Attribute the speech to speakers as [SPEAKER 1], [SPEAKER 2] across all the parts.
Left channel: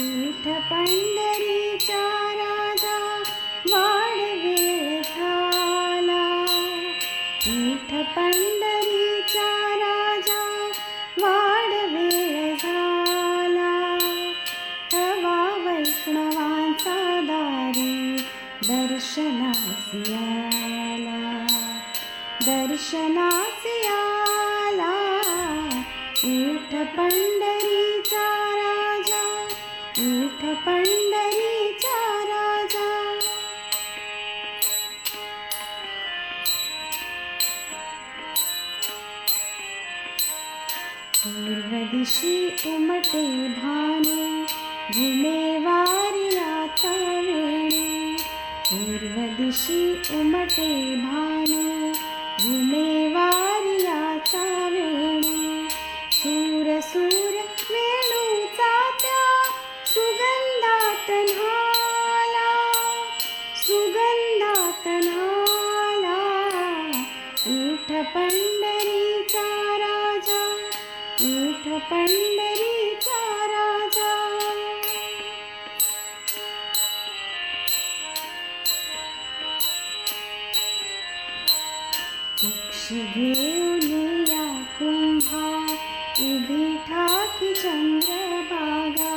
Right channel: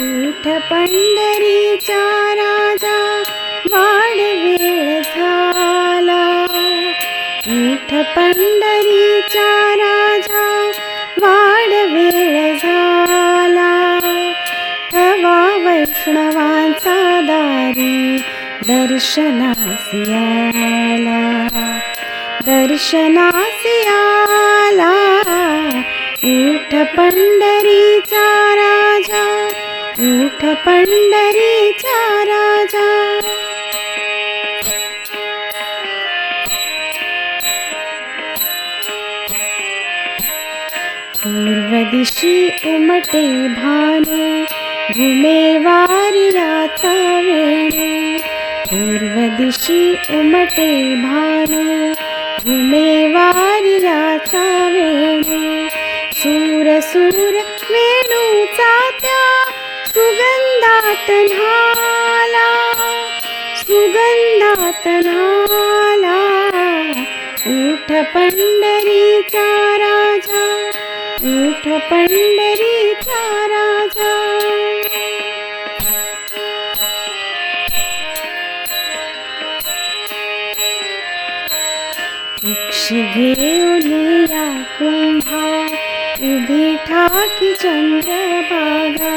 [SPEAKER 1] उठ पंढरीचा राजा वाढ वेळ झाला उठ पंढरीचा राजा वाढ वेळ झाला. तवा वैष्णवांचा दारी दर्शनासियाला दर्शनासियाला दर्शनासी उठ पंढरीचा राजा। पूर्वदिशी उमटे भानु घुमे वारिराचा वेणू। पूर्वदिशी उमटे भानु घुमे वारिराचा वेणू। सूर सूर तन्हाला सुगंधा तन्हाला उठ पंढरीचा राजा उठ पंढरीचा राजा। पक्षी घेऊन या कुंभा उभी चंद्र चंद्रबागा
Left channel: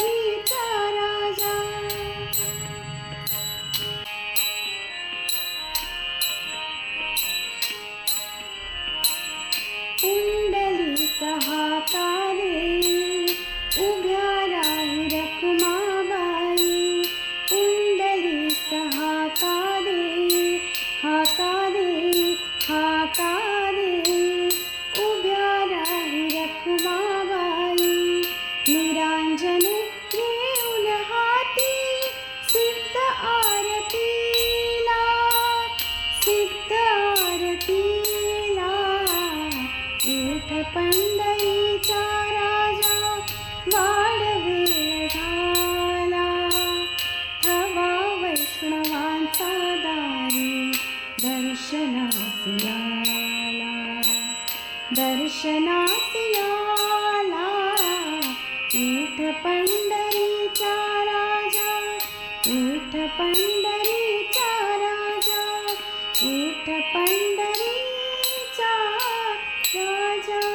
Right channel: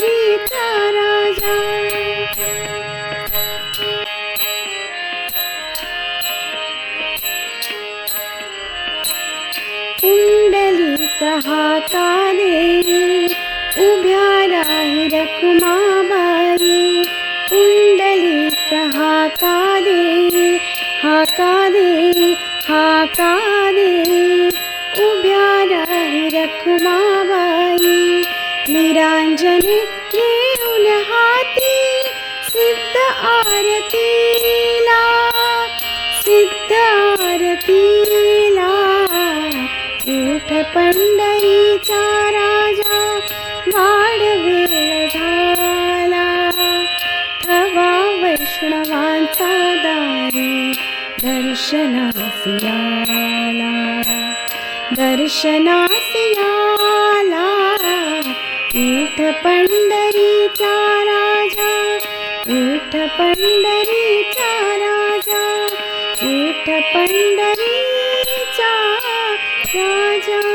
[SPEAKER 1] हाता दे उभ्या हाका दे हाका दे उभ्या राही रखुमाबाई निरांजनी घेऊन हाती सिद्ध आरतीला उठ पंढरीचा राजा थवा वैष्णवांचा दारी दर्शनासी आला दर्शनासी आला उठ पंढरीचा राजा उठ पंढरीचा राजा उठ पंढरीचा राजा